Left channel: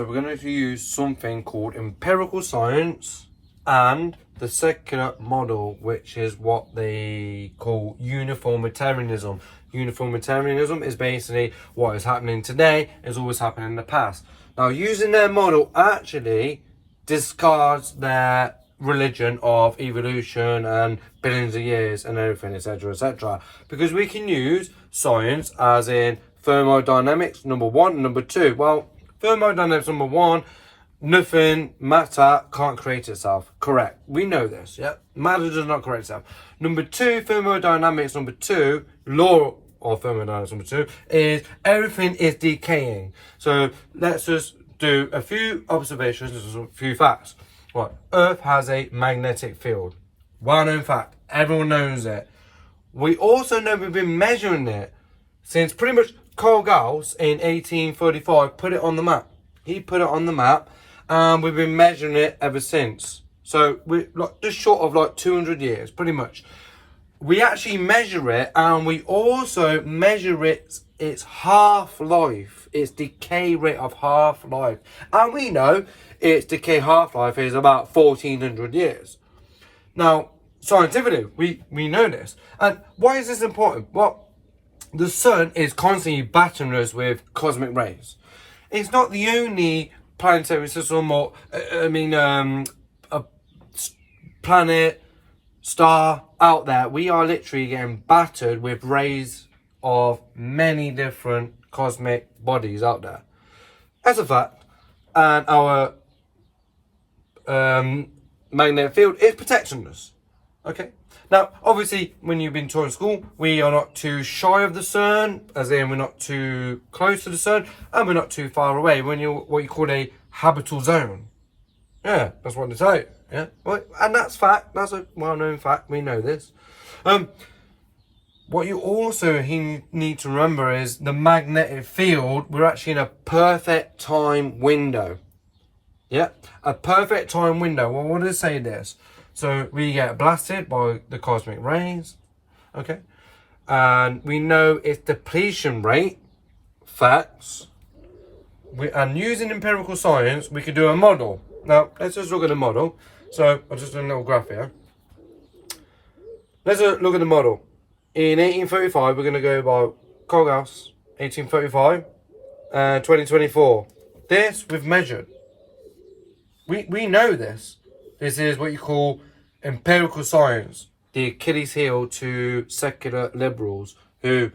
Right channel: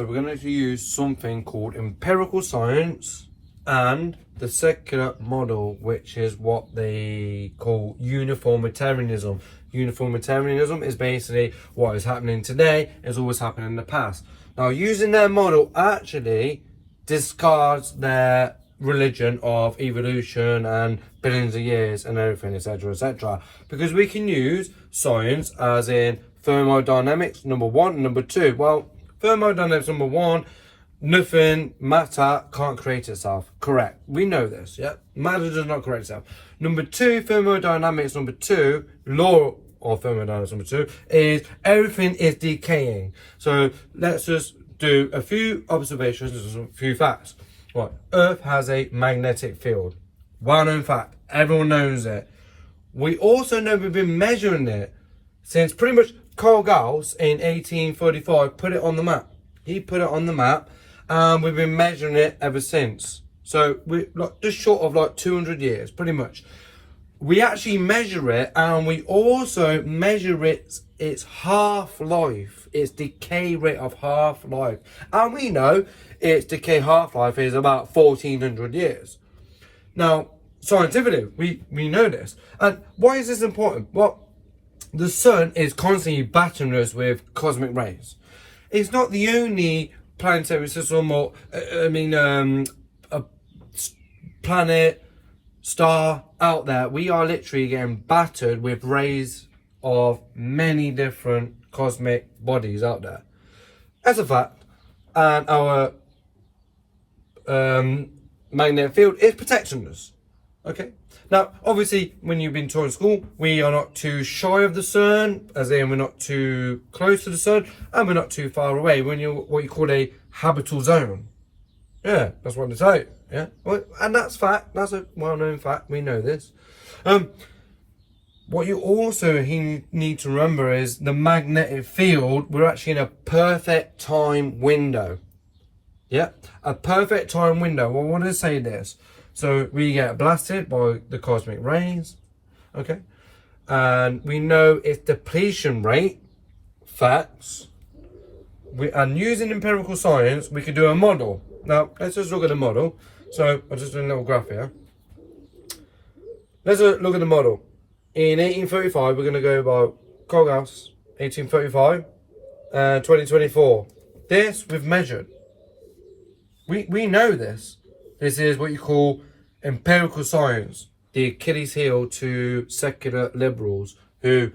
So we're going to use something called empirical science and the secular model, which is what they call uniformitarianism. Uniformitarianism is basically what is happening today is always happening in the past. Now, using their model actually discards their religion of evolution and billions of years and everything, etc., etc. Because we can use science as in thermodynamics, number one, and number two. Well, thermodynamics, number one, nothing, matter can't create itself. Correct. We know this, yeah? Matter does not create itself. Number two, thermodynamics, number two, law of thermodynamics, number two, is everything is decaying. So let's just do a few observations, a few facts. What? Earth has a magnetic field. Well-known fact. Everyone knows it. We also know we've been measuring it since pretty much Carl Gauss in 1835 put it on the map. He put it on the map, and we've been measuring it ever since. So we're like just short of like 200 years, pretty much. We actually measure it, and we also measure its half-life, its decay rate of half-life. And we know its decay half-life is about 1400 years. Now, scientifically, we know this. And why is this important? Well, the sun is constantly battering us with cosmic rays. It's not the only planetary system or, a planet, star out there. We are literally getting battered with rays of many different cosmic bodies out there. That's a fact. And our magnetic field is protecting us. Okay. Now, obviously, when you've been taught in school, we are not too shy of the sun, as in we're not too close to the sun, and we're not too far away. When you're what you call a habitable zone. Yeah, that's what they say. Yeah, well, and that's fact. That's a well-known fact. We know this. What you also need to remember is the magnetic field. We're actually in a perfect time window. Yeah, a perfect time window. Well, what does it say this? So we get blasted by the cosmic rays, okay? And we know its depletion rate, facts. And using empirical science, we could do a model. Now, let's just look at the model. So I'll just do a little graph here. Let's look at the model. In 1835, we're going to go by Carl Gauss, 1835, and 2024. This we've measured. We know this. This is what you call empirical science, the Achilles heel to secular liberals who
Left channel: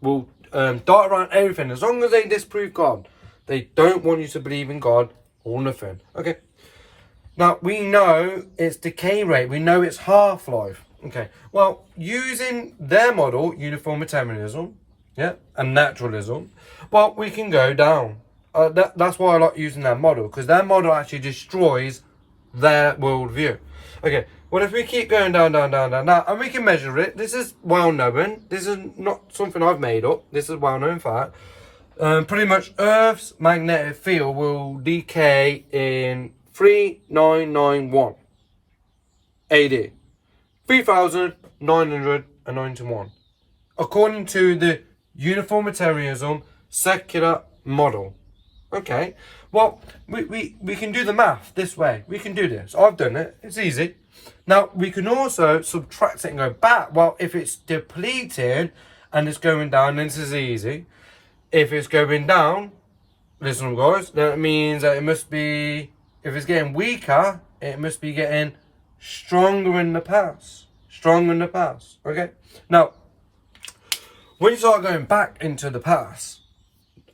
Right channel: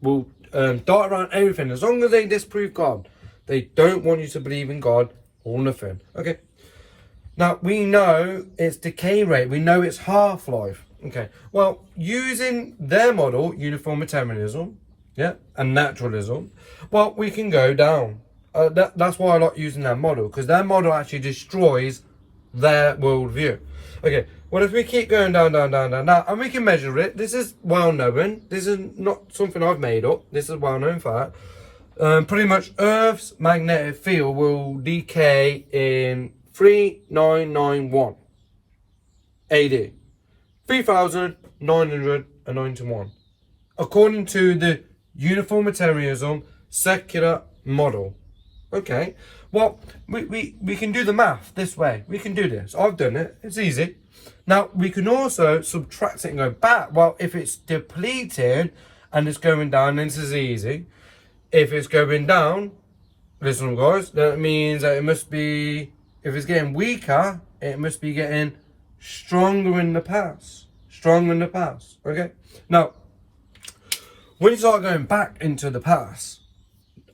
will dart around everything as long as they disprove God. They don't want you to believe in God or nothing. Okay. Now, we know its decay rate. We know its half-life. Okay. Well, using their model, uniformitarianism, yeah, and naturalism, well, we can go down. That's why I like using their model, because their model actually destroys their worldview. Okay, well, if we keep going down, and we can measure it, this is well known. This is not something I've made up. This is well known fact. Pretty much Earth's magnetic field will decay in 3991 AD, 3991, according to the uniformitarianism secular model. Okay, well, we can do the math this way. We can do this. I've done it. It's easy. Now, we can also subtract it and go back. Well, if it's depleted and it's going down, then this is easy. If it's going down, listen, guys, that means that it must be, if it's getting weaker, it must be getting stronger in the past. Stronger in the past. Okay? Now, when you start going back into the past,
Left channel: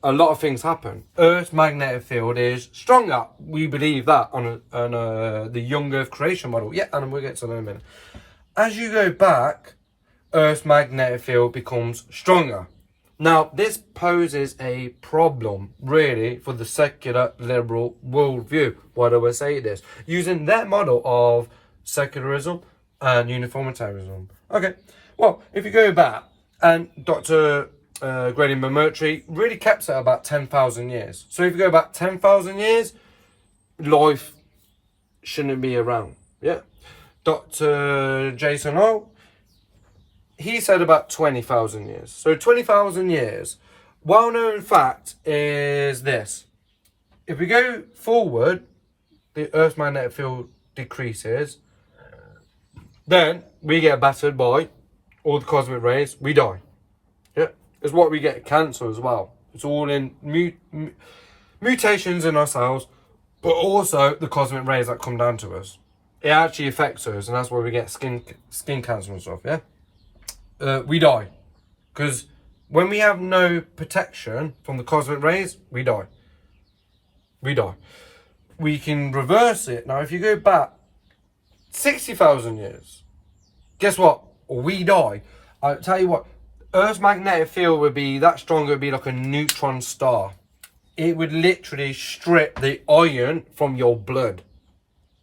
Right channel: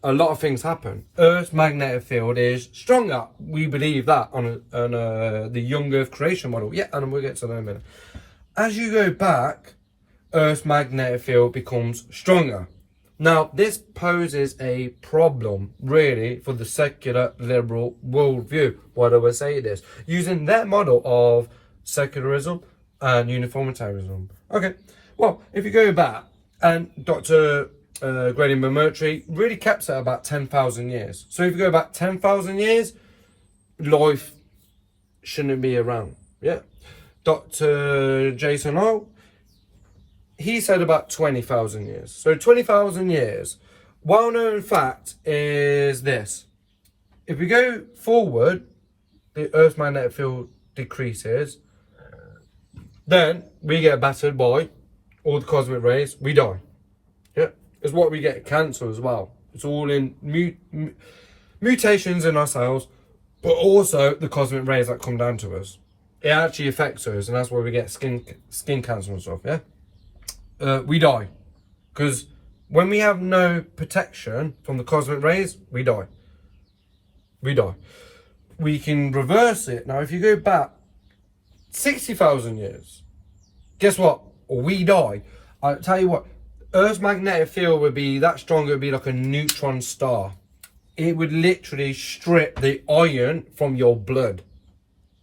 a lot of things happen. Earth's magnetic field is stronger. We believe that on the young Earth creation model. Yeah, and we'll get to that in a minute. As you go back, Earth's magnetic field becomes stronger. Now, this poses a problem, really, for the secular liberal worldview. Why do I say this? Using their model of secularism and uniformitarianism. Okay, well, if you go back, and Dr. Grady McMurtry really kept it about 10,000 years. So if you go back 10,000 years, life shouldn't be around. Yeah. Dr. Jason Lowe, he said about 20,000 years. So 20,000 years. Well-known fact is this. if we go forward, the Earth's magnetic field decreases. Then we get battered by all the cosmic rays. We die. Yeah, it's what we get cancer as well. It's all in mutations in our cells, but also the cosmic rays that come down to us. It actually affects us, and that's why we get skin cancer and stuff. Yeah, we die because when we have no protection from the cosmic rays, we die. We die. We can reverse it now. If you go back 60,000 years, guess what? We die. I tell you what, Earth's magnetic field would be that strong. It would be like a neutron star. It would literally strip the iron from your blood.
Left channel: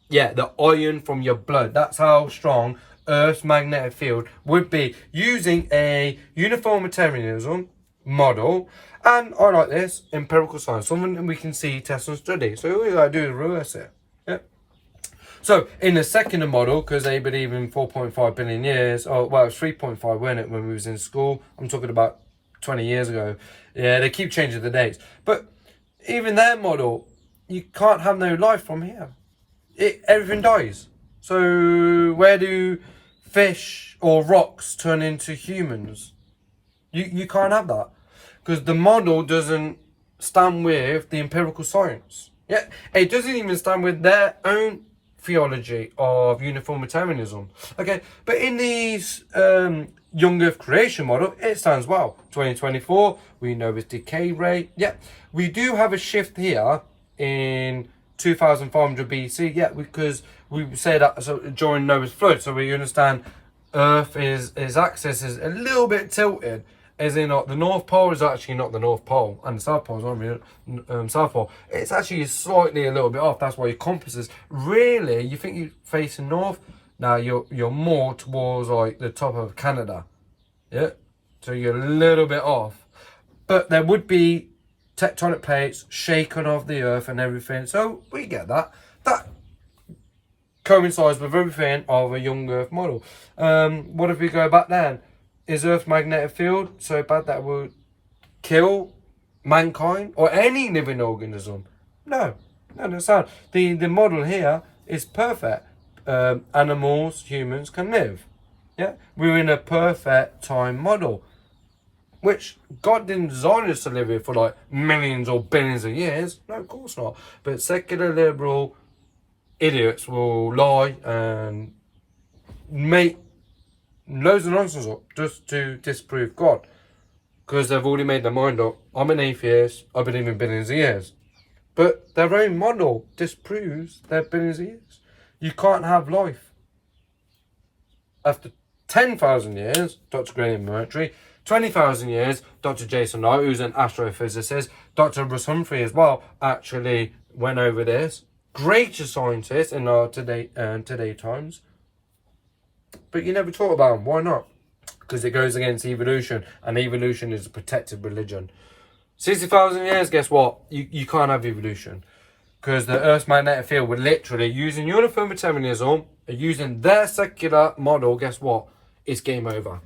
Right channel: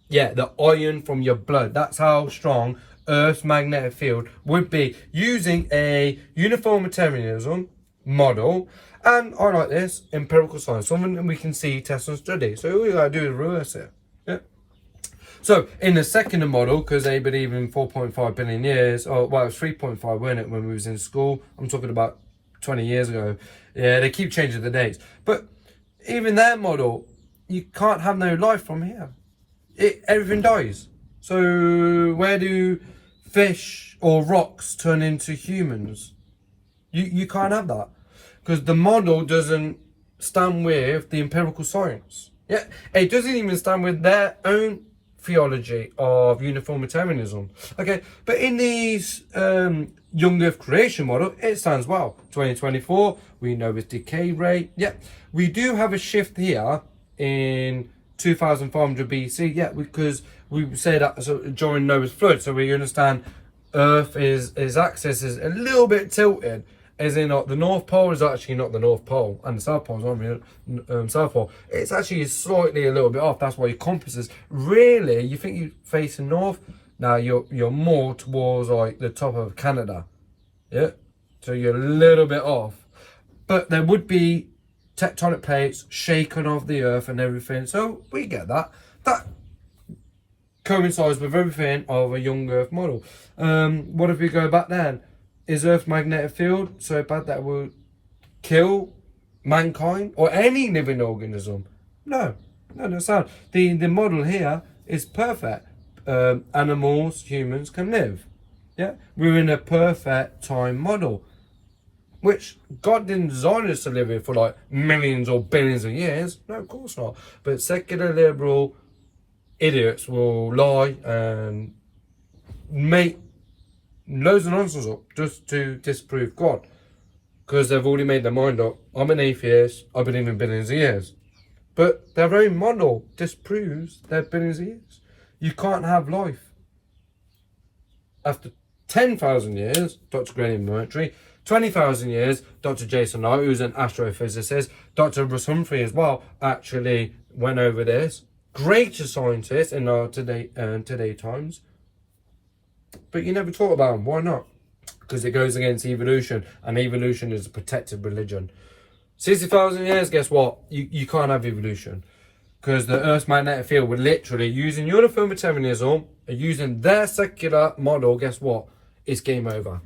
Yeah, the iron from your blood. That's how strong Earth's magnetic field would be, using a uniformitarianism model. And I like this, empirical science, something that we can see, test and study. So all we gotta do is reverse it. Yeah. So in the second model, because they believe in 4.5 billion years, or well, it's 3.5, wasn't it, when we was in school? I'm talking about 20 years ago. Yeah, they keep changing the dates. But even their model, you can't have no life from here. Everything dies. So where do fish or rocks turn into humans? You can't have that, because the model doesn't stand with the empirical science. Yeah, it doesn't even stand with their own theology of uniformitarianism. Okay, but in these young Earth creation model, it stands well. 2024, we know its decay rate. Yeah, we do have a shift here in 2500 BC. Yeah, because we say that during Noah's flood, so we understand Earth its axis is a little bit tilted. As in, the North Pole is actually not the North Pole, and the South Pole is not really South Pole. It's actually slightly a little bit off. That's why your compass is really. You think you're facing north, now you're more towards like the top of Canada. Yeah, so you're a little bit off, but there would be tectonic plates shaken off the Earth and everything. So we get that. That coincides with everything of a young Earth model. What if we go back then? Is Earth's magnetic field so bad that it would kill mankind or any living organism? No, that's not. The model here is perfect. Animals, humans can live. Yeah, we're in a perfect time model, which God didn't design us to live here for like millions or billions of years. No, of course not. But secular liberal idiots will lie and make loads of nonsense up just to disprove God, because they've already made their mind up. I'm an atheist, I believe in billions of years, but their own model disproves their billions of years. You can't have life after 10,000 years. Dr. Graham Mercury, 20,000 years. Dr. Jason Knight, who's an astrophysicist, Dr. Russ Humphrey as well, actually went over this. Greatest scientist in our today times. But you never talk about them. Why not? Because it goes against evolution, and evolution is a protected religion. 60,000 years, guess what? You can't have evolution, because the Earth's magnetic field would literally, using uniformitarianism, using their secular model, guess what? It's game over.